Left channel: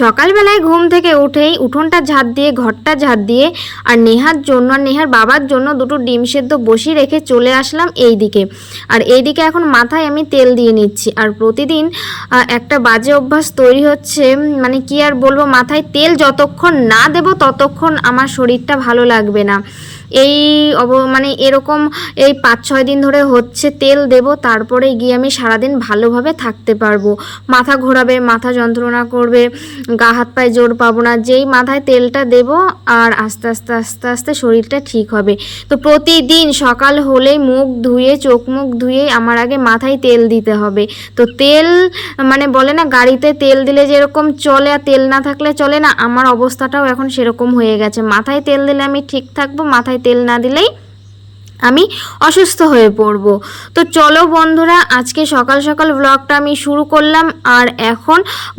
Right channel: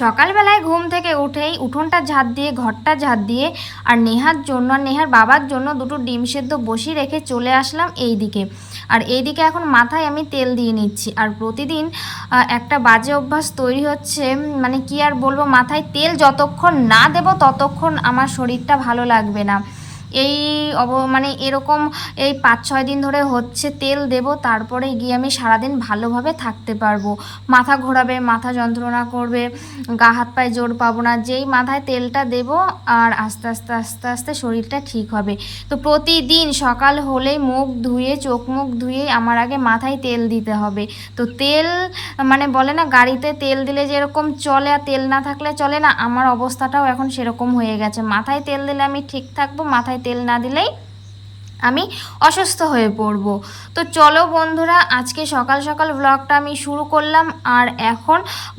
সকালবেলায় ঘুম থেকে উঠেই উঠোনটা ঝাড় দিয়ে ঘরটা ঝাড় দিয়ে আর নেহার জন্য আর নেহার বাবার জন্য দুটো ডিম সেদ্ধ বসিয়ে রেখে চলে আসলাম এই দিকে। আর এইদিকে এখন মাথায় আমি তেল দিয়ে নিচ্ছি। আর প্রতিদিন একটা বাজে অভ্যাস তৈরি হচ্ছে, মানে কি আর বলবো, মাথায় তেল যতক্ষণ না দেব ততক্ষণ আমার শরীরটা ভালো লাগবে না। এই মানে এরকম এই 5-6 দিন ধরে হচ্ছে। তেল দেব তারপরে গিয়ে আমি সারাদিন ভালোভাবে থাকতে পারবো। মাথা ঘোরাবে, মাথা যন্ত্রণা করবে, গা হাত পায়ে জোর পাবো না। যেই মাথায় তেলটা দেব আর আস্তে আস্তে আস্তে আস্তে শরীরটা ঠিক হবে। তো প্রতিদিন সকাল হলেই মুখ ধুয়ে চোখ মুখ ধুয়ে আমার আগে মাথায় তেল দিতে হবে। তো তেল মানে বলে না গাড়িতে তেল দিলে যেরকম চলে আর তেল না থাকলে চলে না, আমার অবস্থাটাও এখন সেরকম হয়ে গেছে। মাথায় তেল দিলে আমি ঠিক থাকবো, মাথায় তেল না দিলেই আমি অসুস্থ হয়ে পড়ব। তো চলো বন্ধুরা, আজকে সকাল সকাল ব্লগটা আমি শুরু করলাম। আর এখন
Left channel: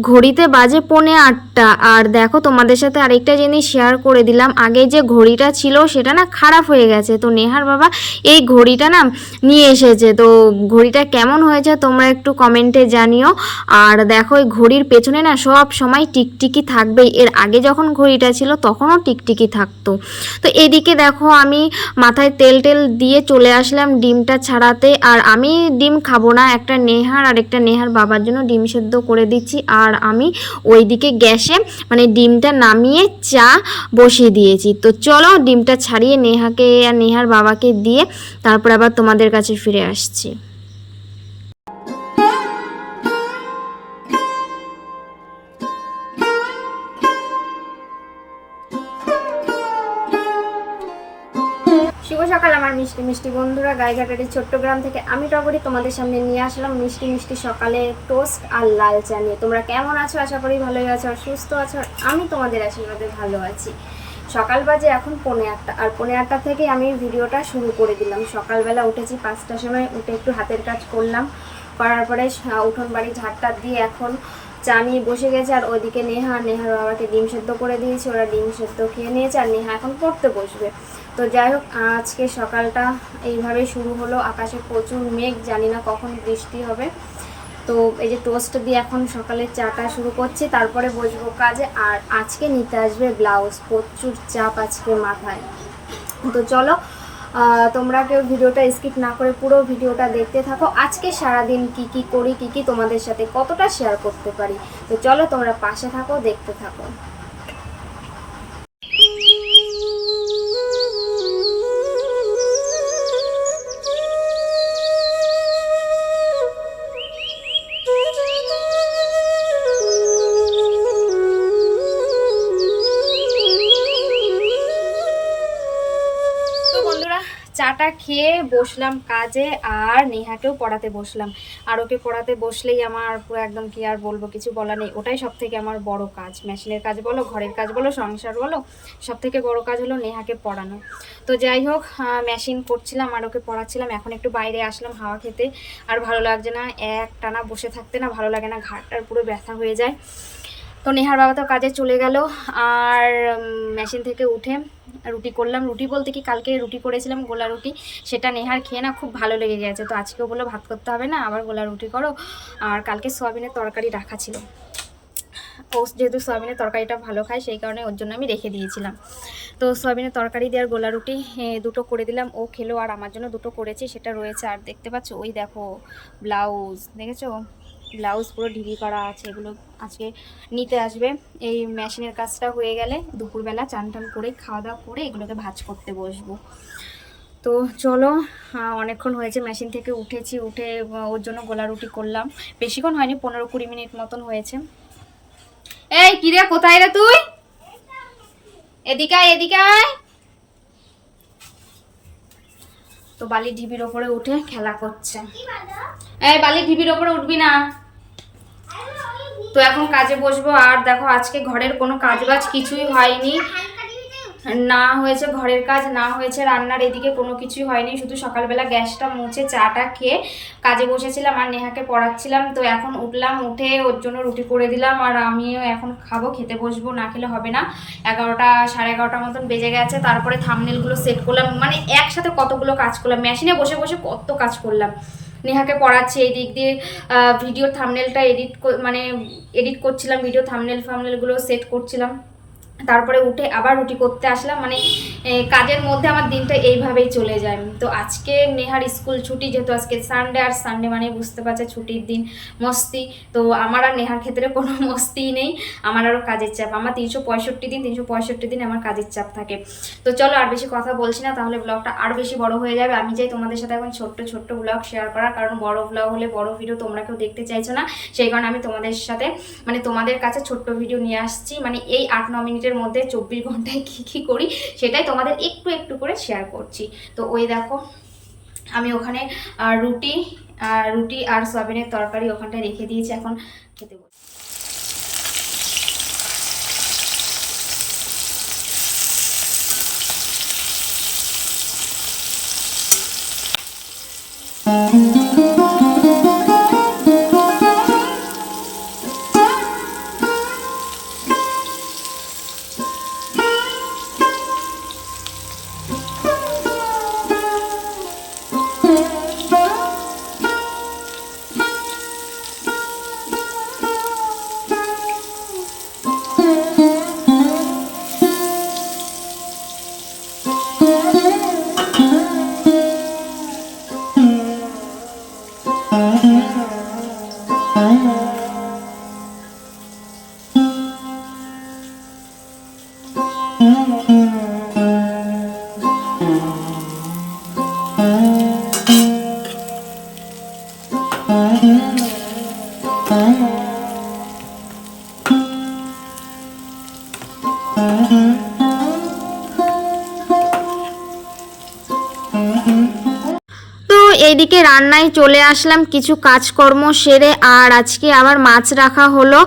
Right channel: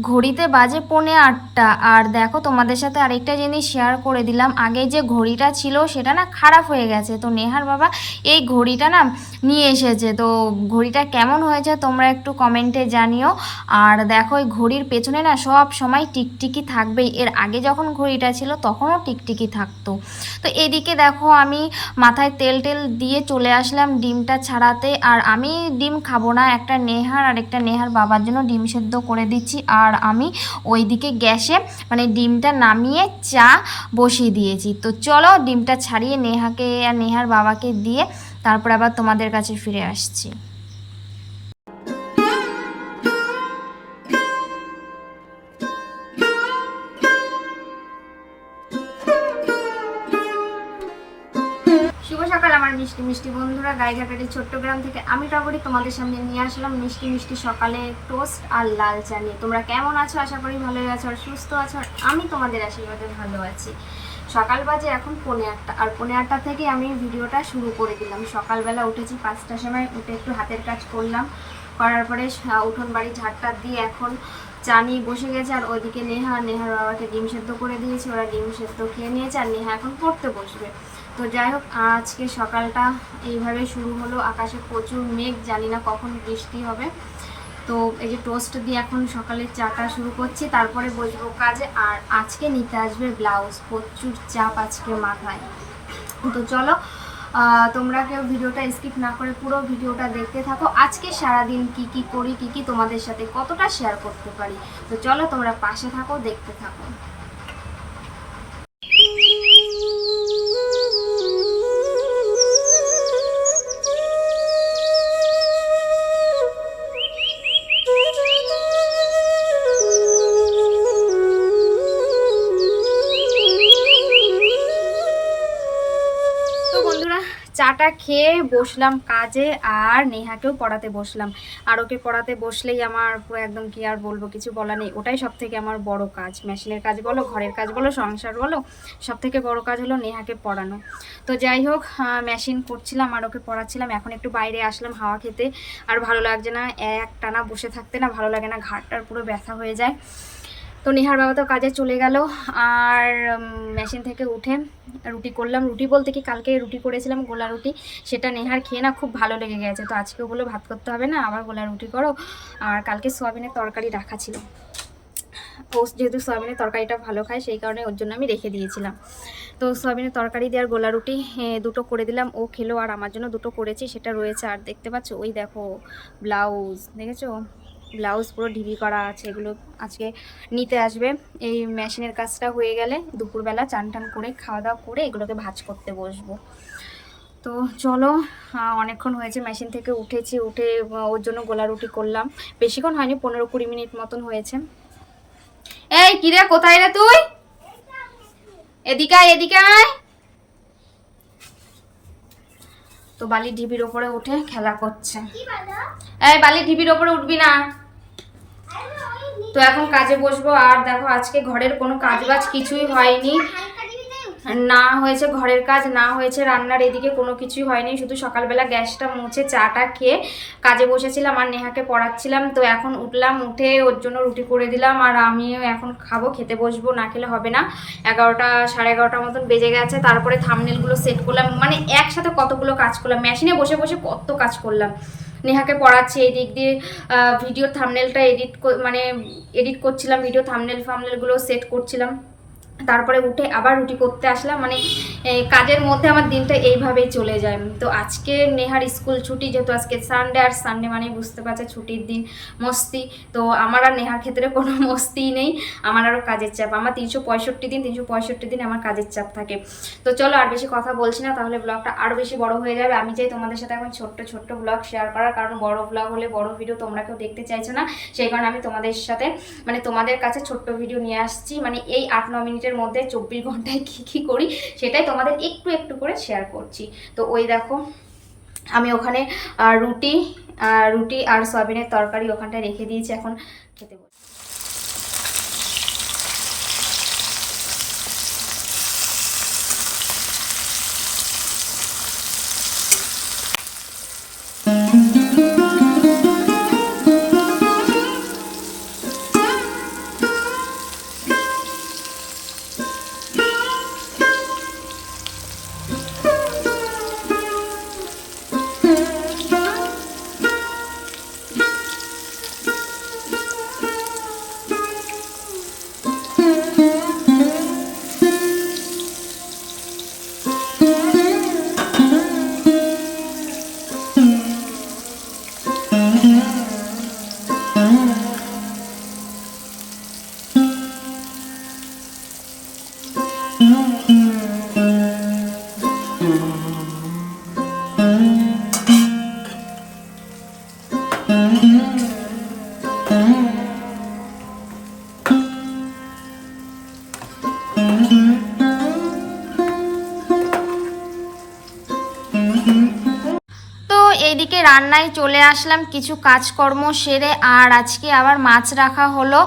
ঘড়িতে বাজে 8:45। আর দেখো তোমাদের সাথে আরেকটা জিনিস শেয়ার করে দিলাম। আগে যে ঘড়িটা ছিল সেটা না খারাপ হয়ে গেছে। তো নেহার বাবা এই ঘড়িটা না নিয়ে এসেছে। তো ঘড়িটা কেমন হয়েছে তোমরা একটু কমেন্টে জানিও। আর দেখো এই ঘড়ির পেছনে না সব সময় টিকটিকি থাকবেই। এর আগে যখন ঘড়িটা ছিল তখনও টিকটিকি থাকতো। তো এদিকে দেখো আমি মাথায় তেল দিয়ে চলে আসলাম ডিমটা ছাড়াতে। আর আমি ডিম খাবো না, একটা নেহার আর একটা নেহার বাবার জন্য ডিম সেদ্ধ করে দিচ্ছি। আর আমি ওইদিকে গ্যাসে মানে ডিমটা নামিয়ে চা বসিয়ে দিয়েছি। তো চলো ডিমটা ছাড়িয়ে নেহাকে আর নেহার বাবাকে দিয়ে তারপর আবার তোমাদের কাছে ফিরে আসছি। শুভ সকাল আমার মিষ্টি মিষ্টি বন্ধুরা। গাইঘাটারি ছোট্ট গ্রাম থেকে আমি টগরি তোমাদের সামনে নিয়ে আসলাম মিষ্টি মিষ্টি সকালে টোস্ট আর লাল চা নিয়ে। তোমরা কেমন আছো? আশা করি ভালোই আছো আর সুস্থ আছো। আর আমি তোমাদের আশীর্বাদে ভালো আছি। সকাল বাজে এখন 8:45 আর 8:45 থেকে আমি ভিডিওটা শুরু করে দিলাম। সকালবেলা উঠেছি 5টার সময়, উঠে একটু হাতের কাজ করলাম। করার পরে উঠোন বাড়ি ঝাড়টা দিয়ে এখন চা নিয়ে বসে গেছে। আর ওইদিকে নেহার বাবাকে ডিম সেদ্ধ করে দিয়েছি, ওরা ডিম সেদ্ধ খেয়ে নিয়েছে। আর নেহা এখন পড়তে বসবে। তো যাই হোক, আজকে সকালটা এইভাবে শুরু হলো। আকাশে প্রচুর মেঘ, জানি না কখন বৃষ্টি হবে। তো এই যে টোস্ট দিয়ে এখন সকালের চাটা শুরু করছি, তারপরে বসবো কাজে। আর আজকে নিতে আসবে ব্লাউজ, প্রচুর চাপ আজকে মাথায়। তো চলো তোমরা কেউ ভিডিওটা স্কিপ না করে পুরো ভিডিওটা দেখতে থাকো। আজকে সারাদিন কি করি, কি তোমাদের সাথে কতটা শেয়ার করতে পারি। তো চলো তোমরা পাশে থাকো, দেখতে থাকো। চাটা খেয়ে বসলাম কাজে আর নেহাকেও পড়াতে বসলাম। আর ওকে পড়াতে বসলেই আমার পুরো একদম কি আর বলবো, কিছু বলা নেই। ওটাই সব থেকে আমার বড় কাজ, মেশিনের কাজ বলো, ঘরের কাজ বলো, সংসার বলো, সব থেকে বড় কাজ হলো নেহাকে পড়ানো। তো যাই হোক, মেশিন করছিলাম আর ওকে পড়াচ্ছিলাম। এখন একটু বাইরে আসলাম হাওয়া খেতে। আর ভালো লাগছে না, এক টানা বসে থাকতে না ভালো লাগে না, ঘাড়টার পুরো ব্যথা হয়ে যায়। তো নেহার বাবা তো কাজে চলে গেল। আর মেশিন থেকে উঠে রুটি করলাম। রুটি বলতে কি, কালকে রুটি করেছিলাম গোলা রুটি, সেটা নেহার খেয়ে না খুব ভালো লেগে গেছে। তো আজকেও বললো ভাত করতে হবে না, আবার গোলা রুটি করো। আর কালকে সয়াবিনের তরকারি রাখা ছিল, ও যেহেতু সয়াবিনের তরকারিটা ভালো খায় সেই কারণে ওর জন্য আমি রেখে দিয়েছিলাম। তো সয়াবিনের তরকারি দিয়ে আর গোলা রুটি দুটো করে দিলাম, ও খেলো। আর আমার জন্য দুটো করেছি, সেটা রয়েছে। আর দেখতে পাচ্ছ ওই দেখো ব্লাউজ, দেখেছো ব্লাউজ পুরো ঢিবি করা আছে। এগুলো আজকে নিতে আসবে। এই মেশিনের কাজটা হয়ে গেলে দুপুরবেলা চান টান করে খাওয়া দাওয়া করে এগুলোকে ভাঁজ করতে বসবো। তো চলো, অনেকক্ষণ হয়েছে মেশিন থেকে উঠেছি, উঠে ওর জন্য গোলা রুটি করলাম। বেশিক্ষণ হয়নি, 15-20 মিনিট মতন হয়েছে। এই কিরে, কোথায় রে তুই? এদিকে আয়, এদিকে আয়। তো বালির ঢিবির ওপরে উঠে খেলা করছে। এই বালির ঢিবির ওপরে উঠবি না। তো এখন কাজে বসবো। আর দেখো আজকে ঘরের কোনো কাজবাজ কিছুই হয়নি, না হয়েছে ঘরের কাজ, না হয়েছে রান্নার, এদিকে কোনো কিছুই হয়নি। শুধু সকালবেলা গ্যাসটা মুছে চাটা খেয়ে কাজে বসেছিলাম আর নেহাকে পড়াচ্ছিলাম। তো এখন উঠলাম, উঠে ওর জন্য রুটি করে দিলাম। আর আমিও এখন খাবো, খেতে বসবো, না খেলে হবে না। 11টা 11:30 মতন বেজে গেছে। তারপরে থাম্বনেলগুলো সেট করলাম, মানে একসাথে কতগুলো কাজ করলাম, মেশিনে বসে বসে কত কাজ করলাম। নেহাকে পড়াচ্ছি, এই দিক দিয়ে ভিডিওর থাম্বনেলটা এডিট করছিলাম, ভিডিও থাম্বনেলগুলো সেট করছিলাম, তারপরে উঠে আবার রুটি করতে আসলাম। মানে কাজের মধ্যে আমার দিনটা এইভাবেই চলে যায়। তো আজকে নেহার স্কুল ছুটি, যেহেতু আজকে সানডে, আর সানডে মানে বুঝতে পারছে ছুটির দিন, মস্তি। তো আমার আর নেহার ক্ষেত্রে কোনো মস্তিই নেই, আমার আরও কাজের চাপ। আমার 365 দিন আমার কাজের চাপ থাকে। তো চলো আর বেশি কথা বলছি না, তাহলে ব্লগটা আরও বেশি বড় হয়ে যাবে। আমি চাই তোমাদের সাথে এখন ছোট্ট ব্লগ শেয়ার করার, কারণ বড় ব্লগ হলে বড় ভিডিও তোমরা কেউ দেখতে চাইছো না, সেই কারণে আমি তোমাদের সাথে তোমাদের কাছে ছোট্ট ভিডিও নিয়ে আসছি। এই 8-9 মিনিটের মধ্যে 24 ঘন্টায় কী করি সেটাই তোমাদের একটু করে শেয়ার করছি। তো ওই দেখো আমি ওখানে রুটি আর সয়াবিনের তরকারি ওখানটায় রেখে দিয়েছি, এখন খেতে বসে। এইদিকে রান্নায় চলে আসলাম কিছু কাজকর্ম সেরে, আর আজকে আবার মাছ রাখা হলো,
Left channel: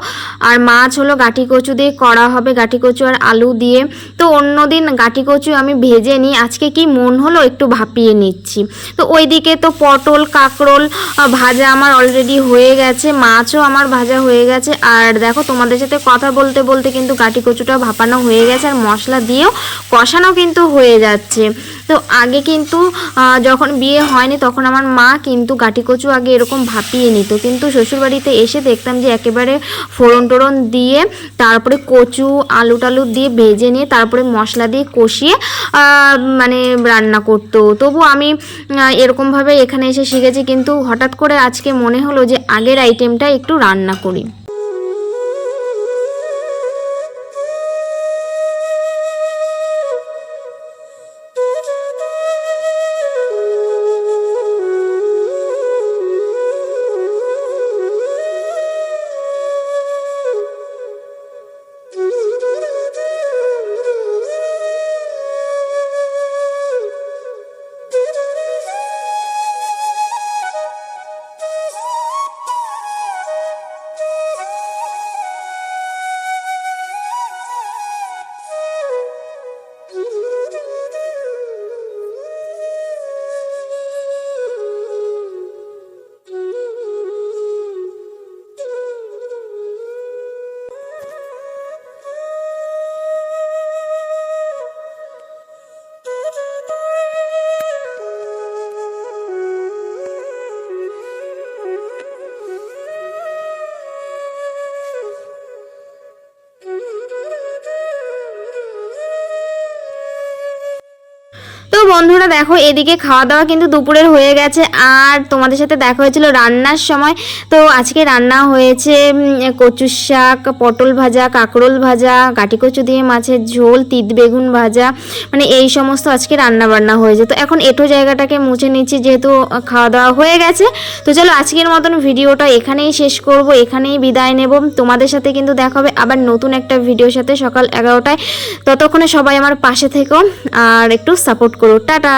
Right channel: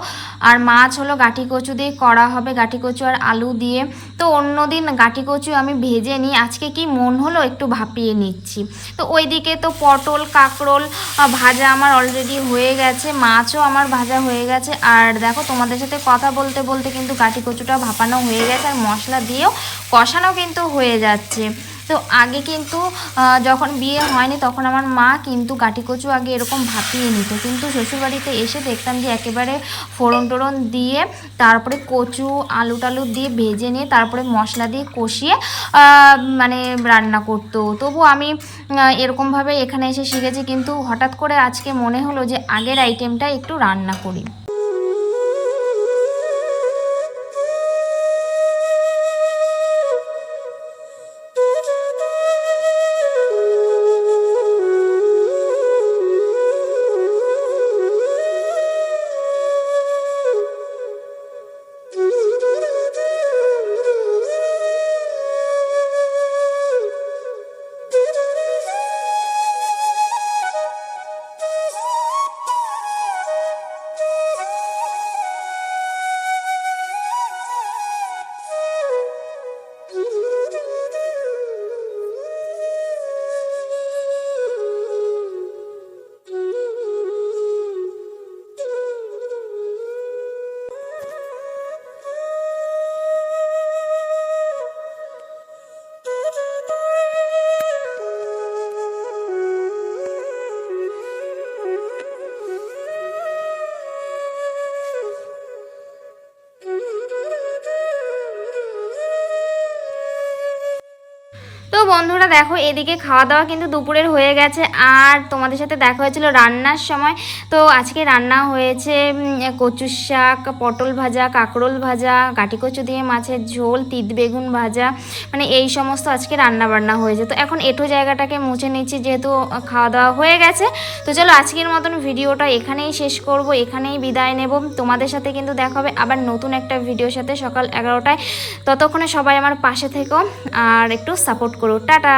আর মাছ হলো গাঁটি কচু দিয়ে করা হবে, গাঁটি কচু আর আলু দিয়ে। তো অন্যদিন গাঁটি কচু আমি ভেজে নিই, আজকে কি মন হলো একটু ভাপিয়ে নিচ্ছি। তো ওইদিকে তো পটল কাঁকরোল ভাজা আমার অলরেডি হয়ে গেছে, মাছও আমার ভাজা হয়ে গেছে। আর দেখো তোমাদের সাথে কথা বলতে বলতে কিন্তু গাঁটি কচুটা ভাপানো হয়ে গেছে, আর মশলা দিয়েও কষানো কিন্তু হয়ে যাচ্ছে। তো আগে কিন্তু যখন বিয়ে হয়নি তখন আমার মা কিন্তু গাঁটি কচু আগে এরকম ভাপিয়ে নিত, কিন্তু শ্বশুরবাড়িতে এসে দেখতাম যে একেবারে ফোড়ন টোড়ন দিয়ে তারপরে কচু আলু টালু দিয়ে ভেজে নিয়ে তারপরে মশলা দিয়ে কষিয়ে রান্না করতো। তবু আমি এরকমভাবে এখানে এসে শিখেছি, কিন্তু হঠাৎ করে আজকে মনে হলো যে আগের আইটেমটা একটু রান্না করি। তো বন্ধুরা দেখো এদিকে খাওয়া দাওয়া কিন্তু দুপুরের হয়ে গেছে, আর তোমাদের সাথে দেখা হয়েছিল রান্নার সময়। তো আজকে রান্না হয়েছে কচুর শাক, পটল ভাজা, কাঁকরোল ভাজা, গাঁটি কচু দিয়ে মাছের ঝোল, তিত বেগুন ভাজা, এই সমস্ত আজকে রান্না বান্না হয়েছে। তো এখন এঁটো জায়গাটাকে মুছে নিচ্ছি যেহেতু খাওয়া দাওয়া হয়ে গেছে। তো চলো আজকের মতন ভিডিওটা এখানেই শেষ করব, এখানেই বিদায় নেব। তোমাদের সাথে কিন্তু দেখা হবে আবার নতুন একটা ভিডিওর সাথে সকাল 11টায়। ততক্ষণে সবাই আমার পাশে থেকো আর একটু সাপোর্ট করো। টাটা।